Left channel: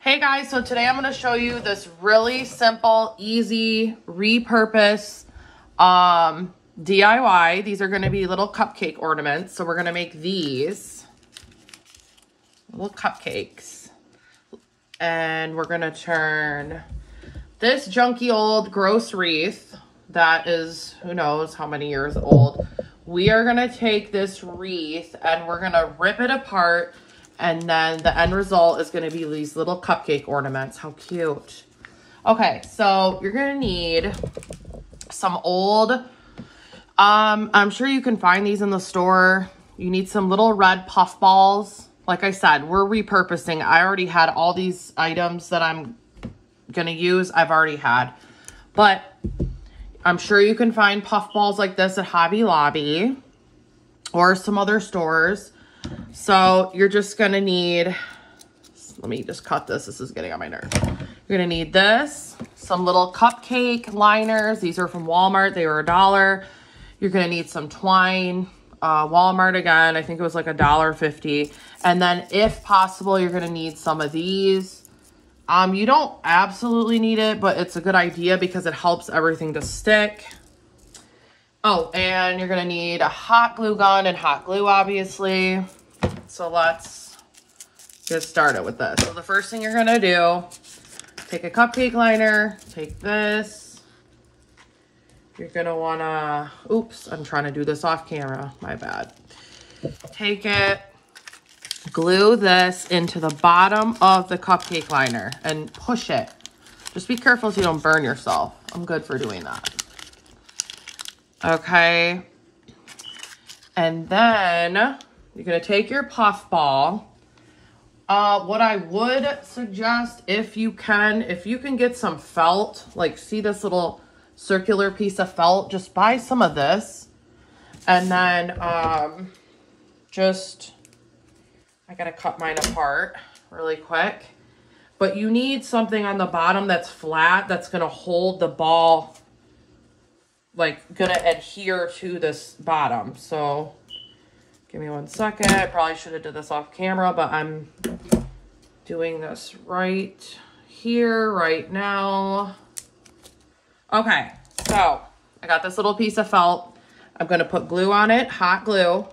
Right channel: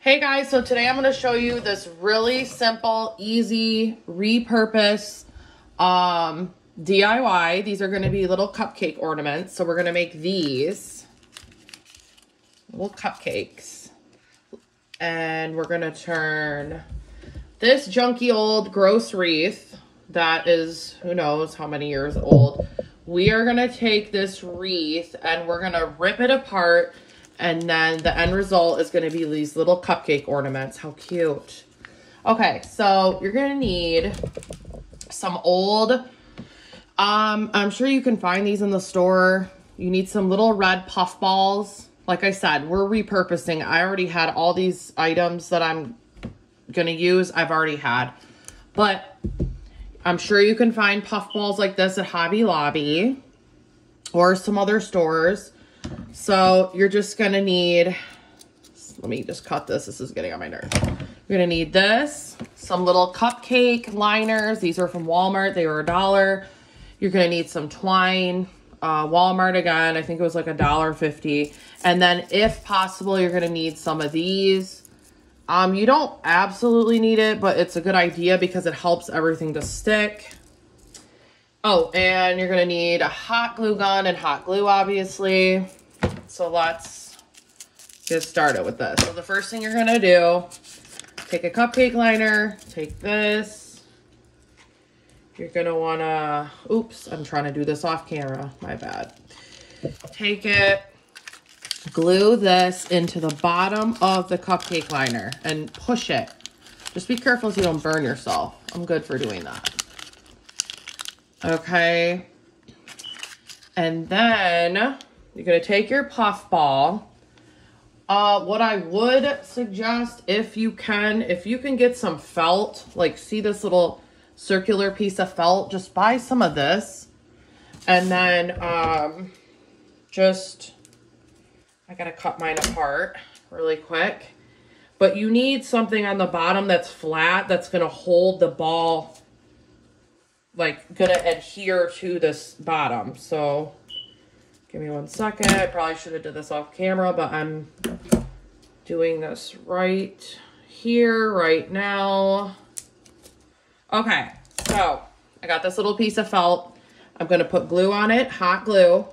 Hey guys, so today I'm going to show you this really simple, easy, repurpose DIY. These are going to be little cupcake ornaments. So we're going to make these little cupcakes. And we're going to turn this junky old gross wreath that is, who knows how many years old. We are going to take this wreath and we're going to rip it apart. And then the end result is going to be these little cupcake ornaments. How cute. Okay, so you're going to need some old, I'm sure you can find these in the store. You need some little red puff balls. Like I said, we're repurposing. I already had all these items that I'm going to use. I've already had. But I'm sure you can find puff balls like this at Hobby Lobby or some other stores. So you're just going to need, let me just cut this. This is getting on my nerves. You're going to need this, some little cupcake liners. These are from Walmart. They were $1. You're going to need some twine. Walmart again, I think it was like $1.50. And then if possible, you're going to need some of these. You don't absolutely need it, but it's a good idea because it helps everything to stick. Oh, and you're going to need a hot glue gun and hot glue, obviously. So let's get started with this. So the first thing you're going to do, take a cupcake liner, take this. You're going to want to, oops, I'm trying to do this off camera. My bad. Take it, glue this into the bottom of the cupcake liner and push it. Just be careful so you don't burn yourself. I'm good for doing that. Okay, and then you're going to take your puff ball. What I would suggest, if you can get some felt, like see this little circular piece of felt, just buy some of this. And then I got to cut mine apart really quick. But you need something on the bottom that's flat, that's going to hold the ball, like gonna adhere to this bottom. So give me 1 second. I probably should have did this off camera, but I'm doing this right here, right now. Okay, so I got this little piece of felt. I'm gonna put glue on it, hot glue.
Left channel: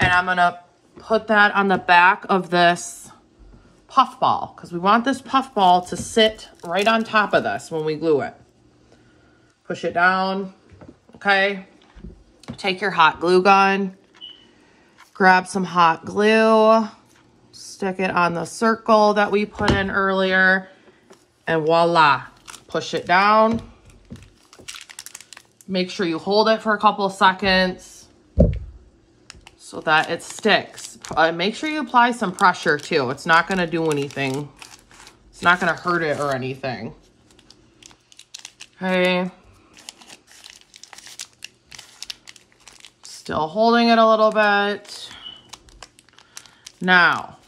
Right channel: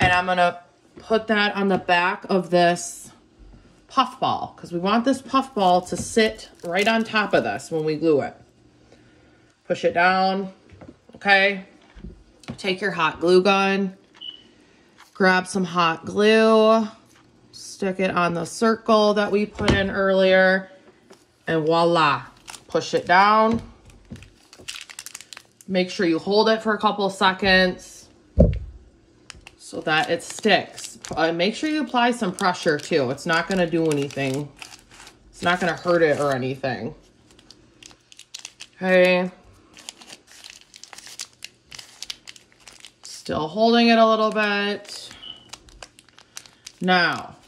And I'm gonna put that on the back of this puff ball because we want this puff ball to sit right on top of this when we glue it. Push it down, okay? Take your hot glue gun, grab some hot glue, stick it on the circle that we put in earlier, and voila, push it down. Make sure you hold it for a couple of seconds so that it sticks. Make sure you apply some pressure too. It's not gonna do anything. It's not gonna hurt it or anything. Okay. Still holding it a little bit. Now,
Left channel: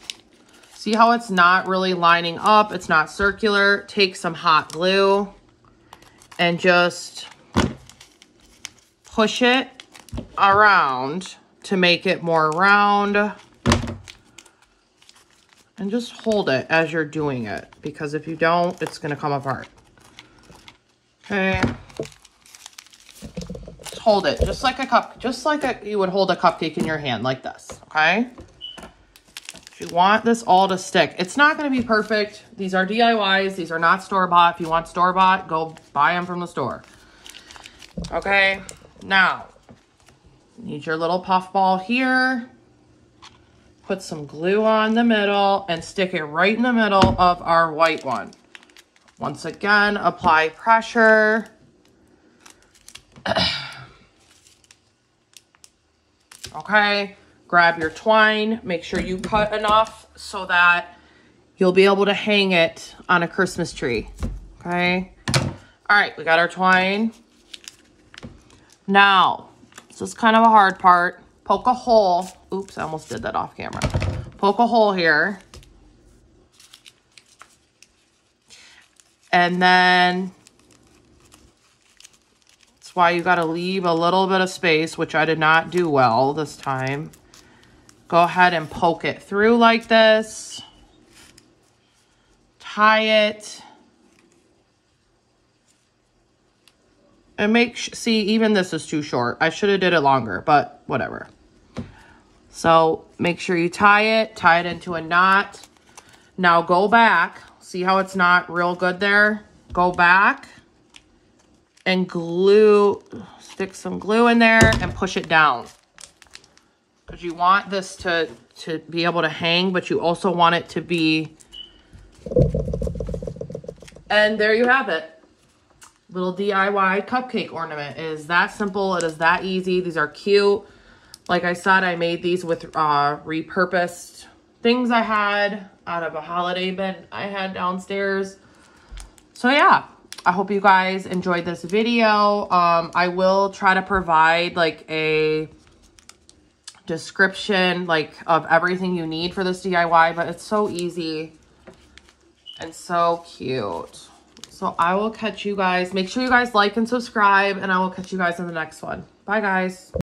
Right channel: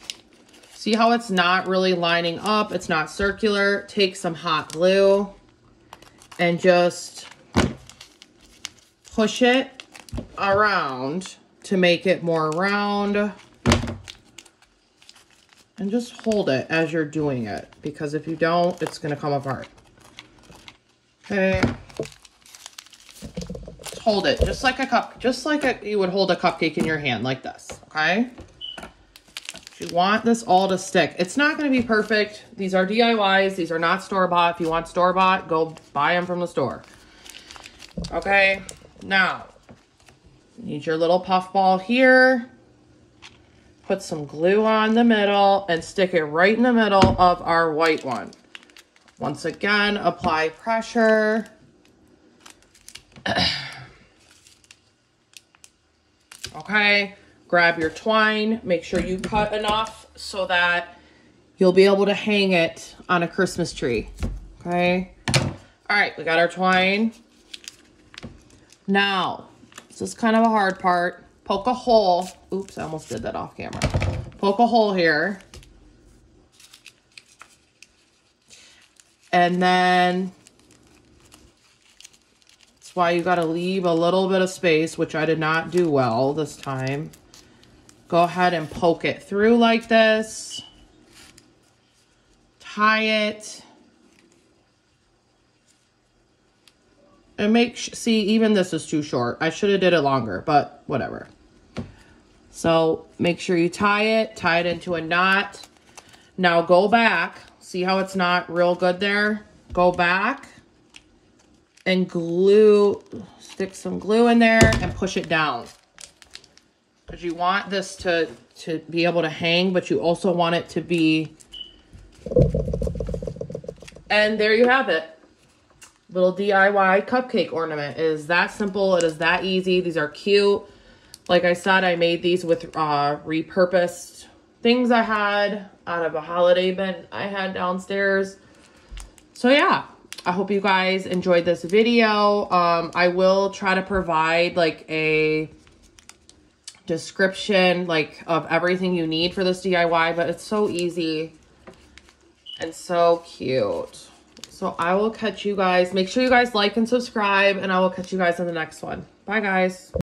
see how it's not really lining up? It's not circular. Take some hot glue and just push it around to make it more round. And just hold it as you're doing it, because if you don't, it's gonna come apart. Okay. Hold it just like a cup, you would hold a cupcake in your hand like this, okay? If you want this all to stick, it's not going to be perfect. These are DIYs. These are not store-bought. If you want store-bought, go buy them from the store. Okay, now, you need your little puff ball here. Put some glue on the middle and stick it right in the middle of our white one. Once again, apply pressure. Okay, grab your twine, make sure you cut enough so that you'll be able to hang it on a Christmas tree, okay? All right, we got our twine. Now, this is kind of a hard part. Poke a hole. Oops, I almost did that off camera. Poke a hole here. And then why you got to leave a little bit of space, which I did not do well this time. Go ahead and poke it through like this. tie it. And see, even this is too short. I should have did it longer, but whatever. So make sure you tie it into a knot. Now go back. See how it's not real good there? Go back and stick some glue in there and push it down. Because you want this to be able to hang, but you also want it to be, and there you have it. Little DIY cupcake ornament. It is that simple. It is that easy. These are cute. Like I said, I made these with repurposed things I had out of a holiday bin I had downstairs. So yeah, I hope you guys enjoyed this video. I will try to provide like a description like of everything you need for this DIY, but it's so easy and so cute. So I will catch you guys. Make sure you guys like and subscribe, and I will catch you guys in the next one. Bye, guys.